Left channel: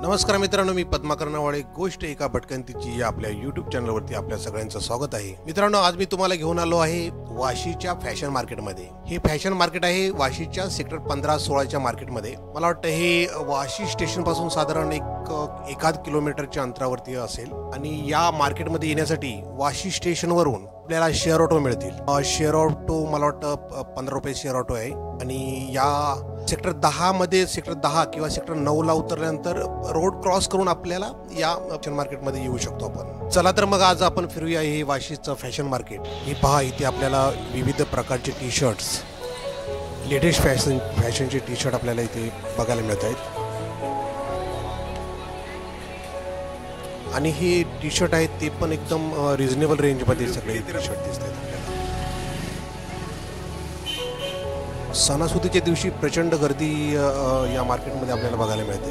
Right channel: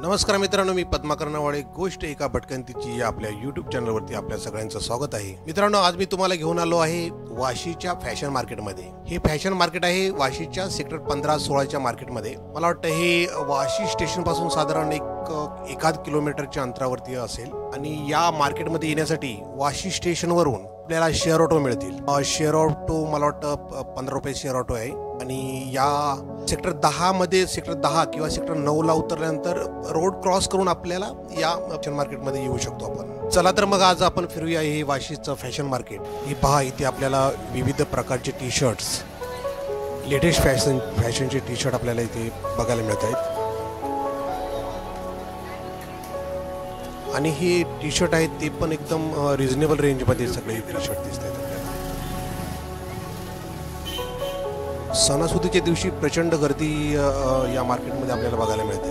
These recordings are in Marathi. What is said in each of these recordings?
नमस्कार मित्रांनो, मी पद्माकर नवाळे. गोष्ट एका भटकंतीची या आपल्या यूट्यूब चॅनलवरती आपल्या सगळ्यांचं स्वागत आहे. मित्रांनो, आज मी तुम्हाला घेऊन आलो आहे वाशीच्या फॅशन मार्केटमध्ये. हे फॅशन मार्केट आहे वाशीच्या सेक्टर 15-16च्या मार्केटमध्ये. मला वाटतं हे वाशी स्टेशन पासून साधारण एकाद किलोमीटरच्या अंतरावरती असेल. आणि या मार्केटमध्ये येण्यासाठी वाशी स्टेशनवरून आपल्याला शेअर ऑटो मिळतील. शेअर ऑटो मला वाटतं 15 रुपये शेअर ऑटो आहे. आणि या सेक्टर 10 मध्ये सेक्टर 10 किंवा सेक्टर 9ला उतरल्यानंतर रोड क्रॉस करून आपल्याला या फॅशन मार्केटमध्ये येऊ शकतो आपण. चला तर मग आज आपण फिरूया हे वाशीचं फॅशन मार्केट. हे पहा, इथे आपल्याला विविध प्रकारचे टी शर्ट्स, लेटेस्ट फॅशनचे टी शर्ट आपल्याला इथे बघायला मिळत आहेत. आणि हे टी शर्ट आहेत ते पण एकदम रिझनेबल रेंजमध्ये सगळे टी शर्ट दिसत आहेत आपल्याला. सणासुदीच्या दिवशी प्रचंड गर्दी या मार्केटमध्ये आपल्याला बघायला मिळते.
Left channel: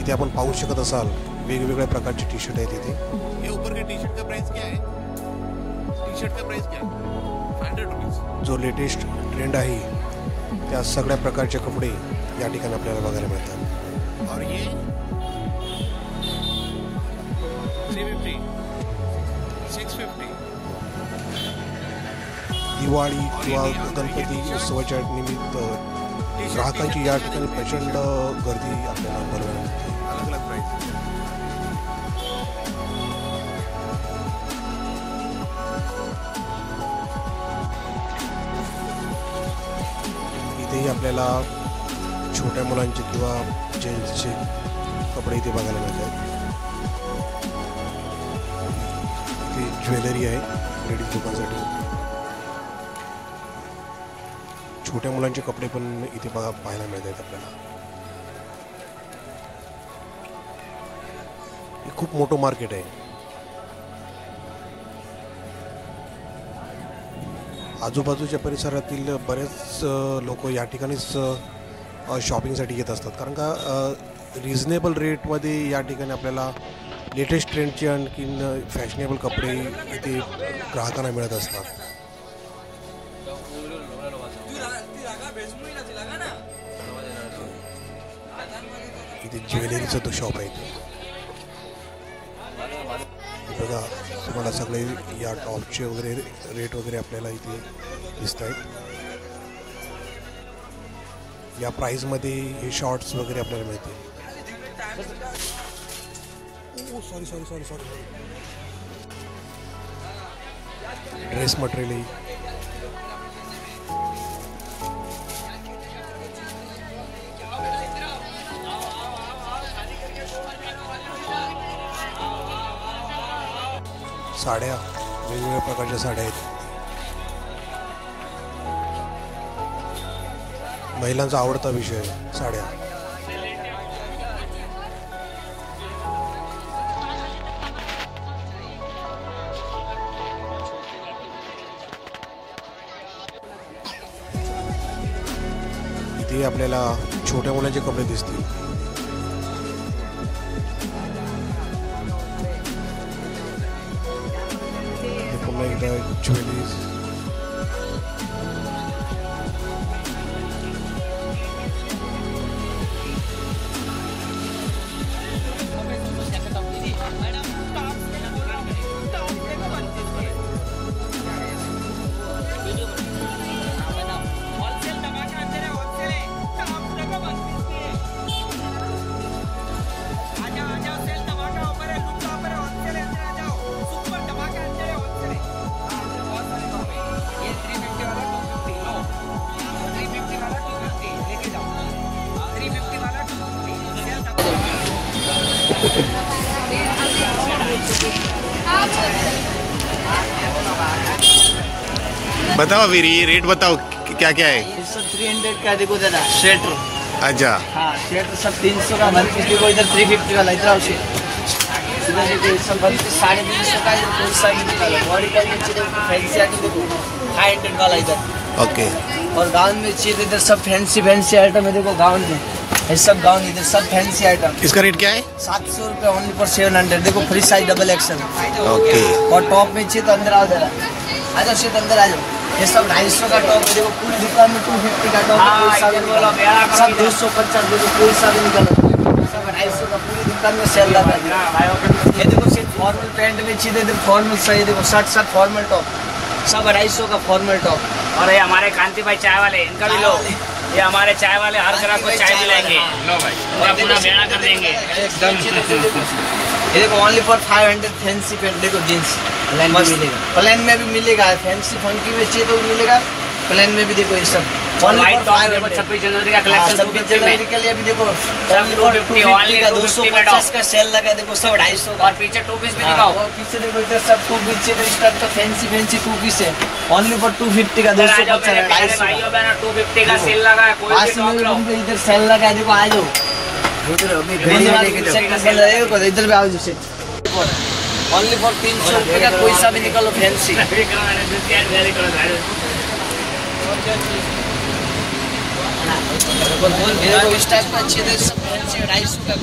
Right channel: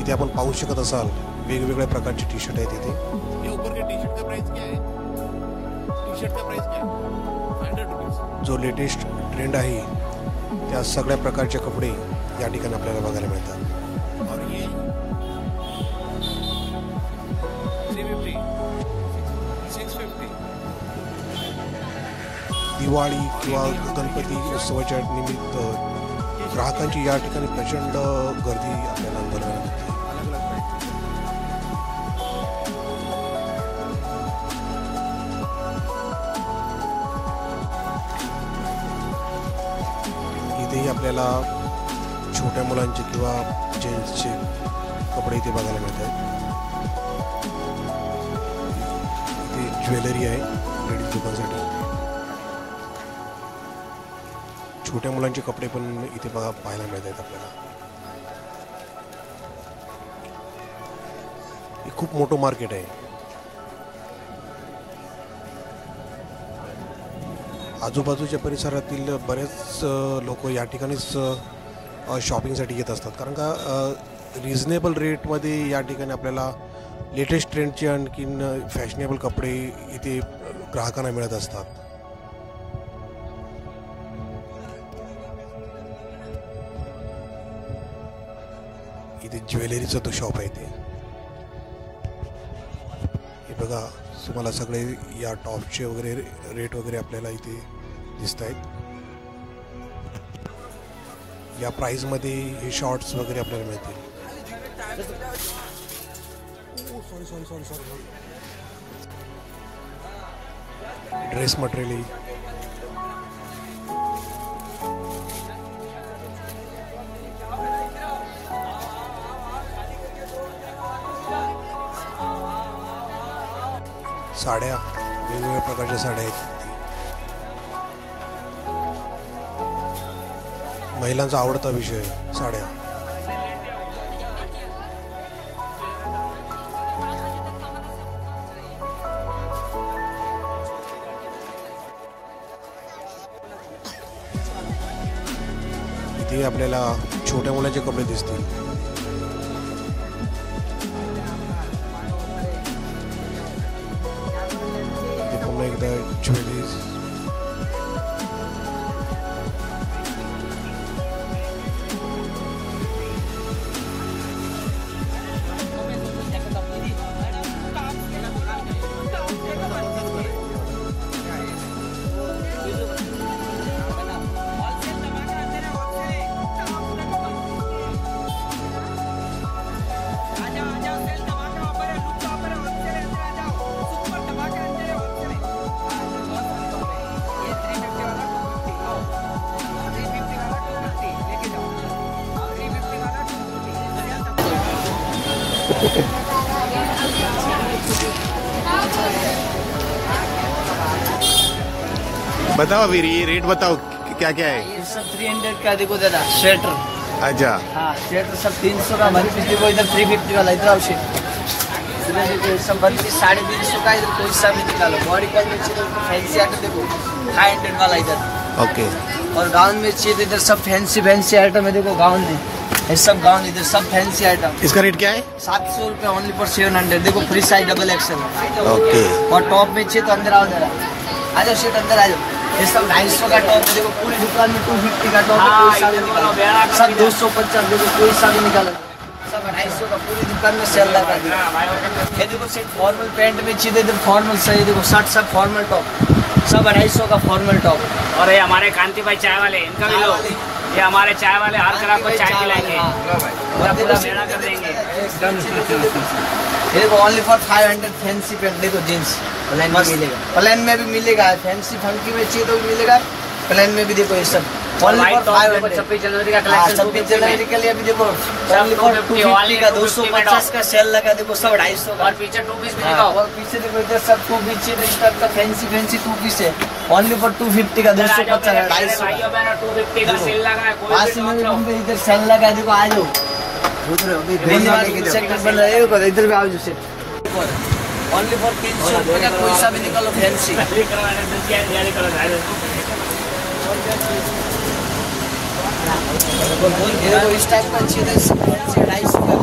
इथे आपण पाहू शकत असाल वेगवेगळ्या प्रकारचे टी शर्ट आहेत इथे. जो लेटेस्ट ट्रेंड आहे त्या सगळ्या प्रकारचे कपडे या ठिकाणी आपल्याला बघायला मिळतात. दिवाळी किंवा गणपती उत्सवाच्या निमित्त ग्राहकांची या ठिकाणी प्रचंड गर्दी आपल्याला अनुभवायला मिळते. इथेही आपल्याला छोट्या मुलांचे किंवा जेंट्सचे कपडे इथे बघायला मिळत आहेत. इथे ज्वेलरी आहे लेडीज लोकांसाठी. छोट्या मुलांचे कपडे पण इथे पाहायला मिळत आहेत आपल्याला. हे खूप मोठं मार्केट आहे. आजूबाजूच्या परिसरातील बरेच लोक या ठिकाणीच शॉपिंगसाठी येत असतात, कारण का रिझनेबल रेटमध्ये या ठिकाणी आपल्याला लेटेस्ट ट्रेंडचे आणखीन फॅशनेबल कपडे इथे ग्राहकांना मिळत असतात. इथे ज्वेलरीचं तो शॉप आहे. हे बघा, तुम्हाला सगळे या टॉपचे वगैरे रेट वगैरे आपल्याला इथे दिसत आहेत. या प्राइसमध्ये हे शॉर्ट्स वगैरे आपल्याला मिळतील. ड्रेस मटेरियल, साड्या, वेगवेगळ्या प्रकारच्या साड्या आहेत. महिलांचा आवडता विषय साड्या. इथे आपल्याला छोट्या मुलांचे कपडे दिसतील. पुन्हा एकदा ज्वेलरीज, बताओ फिर ये रेट बताओ क्या क्या है. ये सब 300 का देखो दादा स्वेटर. अच्छा, हाँ स्वेटर सब 300 का भले किसी को इधर 350 वाला इधर से इधर देखो सब 350 का इधर सब निकालो. बॉडी का देखो फैंसी आइटम देखो 500 वाला इधर. ओके. और गाउन में चाहिए इधर सब फैंसी आइटम है. देखो गाउन में ये सब गाउन इधर सब फैंसी आइटम। इसका रेट क्या है? 700 रुपये ओनली फॉर 700। देखो free size double Excel. Okay. और टॉप में चाहिए तो अंदर आओ जरा, आ जाओ शेट अंदर आ जाओ। ये सब 250 का टॉप है। देखो पूरी दुकान में 250 का टॉप है। सब 250 देखो कोई सा भी निकाल, सब 250 का पूरी दुकान में सेल लगा दिया। ये देखो सेट फॉर्मल पैंट में चाहिए तो फॉर्मल सही। देखो शर्ट सब फॉर्मल टॉप, सब 250 का फॉर्मल टॉप। और ये हमारे कांति भाई चाय वाले, इनका भी लो। ये हमारे चाय वाले हर तरह को चाय पिलाएंगे, पूरा पूरा बेड़ा कर देंगे। ये देखो ओनली फॉर 500 फैंसी पैंट। देखो जींस प्लेन में मिलेगा, प्लेन में भी मिलेगा। फैंसी फंकी में चाहिए तो मिलेगा, प्लेन में भी। देखो ये सब व्हाइट टॉप देखो 26 जनवरी का कलेक्शन 26 जनवरी के लिए भी देखो 250 का 250 का सेल लगा। देखो सब 250 और पीछे 2 पीस भी दिखाओ। और पीछे देखो इधर सब 2 पीस है। तो स्टार्ट का फैंसी 2 पीस है ओनली फॉर 250 का 250 का 250 भाइयों बहनों 250 का सेल लगा है। कोई भी नॉक लो। इधर सेल लगा। देखो आ जाओ उधर, अभी घड़ी लेके जाओ। इधर भी आओ जो सेट ओनली फॉर 300 रुपये का कोई सा भी निकालो फैंसी। इस टाइप का अच्छी है सब फैंसी 250 का।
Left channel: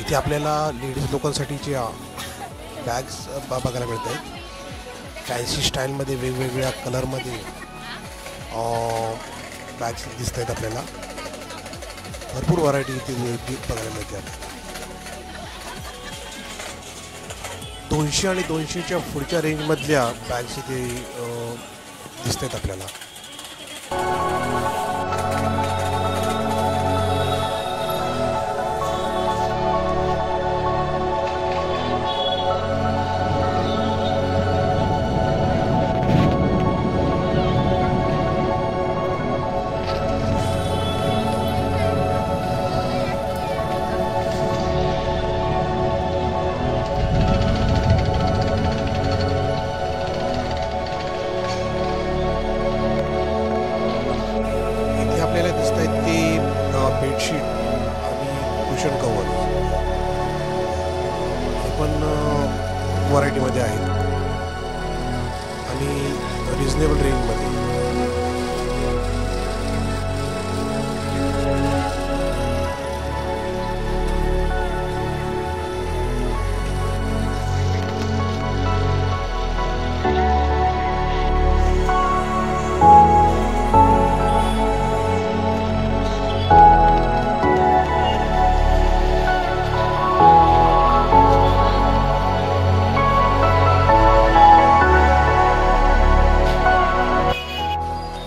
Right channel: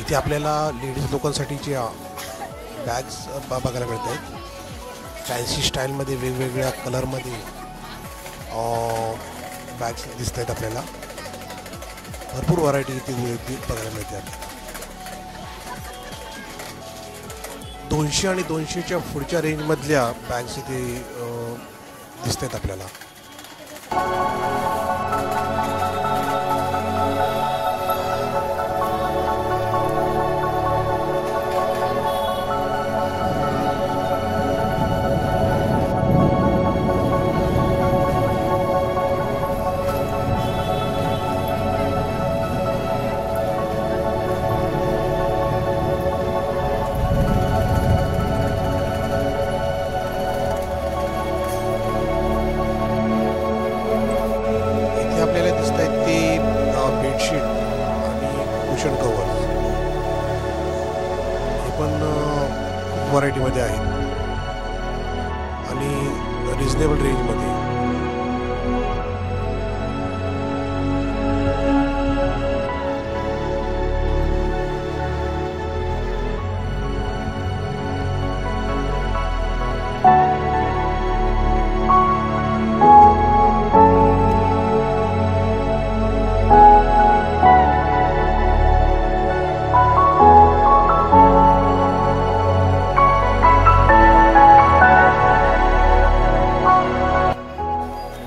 इथे आपल्याला लेडीज लोकांसाठीच्या बॅग्स बघायला मिळत आहेत। फॅन्सी स्टाईलमध्ये वेगवेगळ्या कलरमध्ये बॅग्स दिसत आहेत आपल्याला। भरपूर व्हरायटी इथे बघायला मिळते आपल्याला। 200 आणि 200च्या पुढच्या रेंजमधल्या बॅग्स इथे दिसत आहेत आपल्याला। आपल्याला दिसत आहेत ते बेडशीट आणि कुशन कवर, हे पण व्हरायटीमध्ये आहेत आणि रिजनेबल रेंजमध्ये।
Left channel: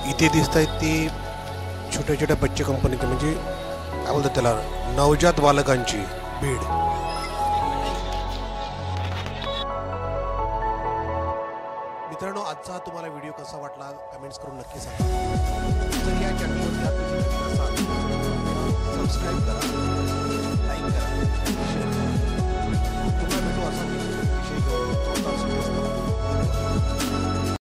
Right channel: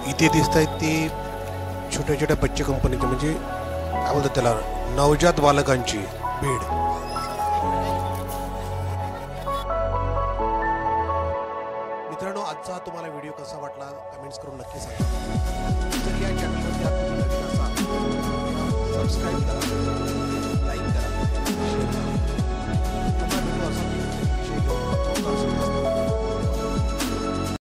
इथे दिसत आहेत ते छोट्या छोट्या बच्चे कंपनीचे, म्हणजे काय बोलतात त्याला, नवजात बालकांची बेड। मित्रांनो, आजचा तुम्हाला व्हिडिओ कसा वाटला कमेंट्स करून नक्की सांगा। जर या चॅनलवरती तुम्ही नवीन असाल सबस्क्राईब करा, लाईक करा, शेअर करा। पुन्हा भेटू असा विषय घेऊन।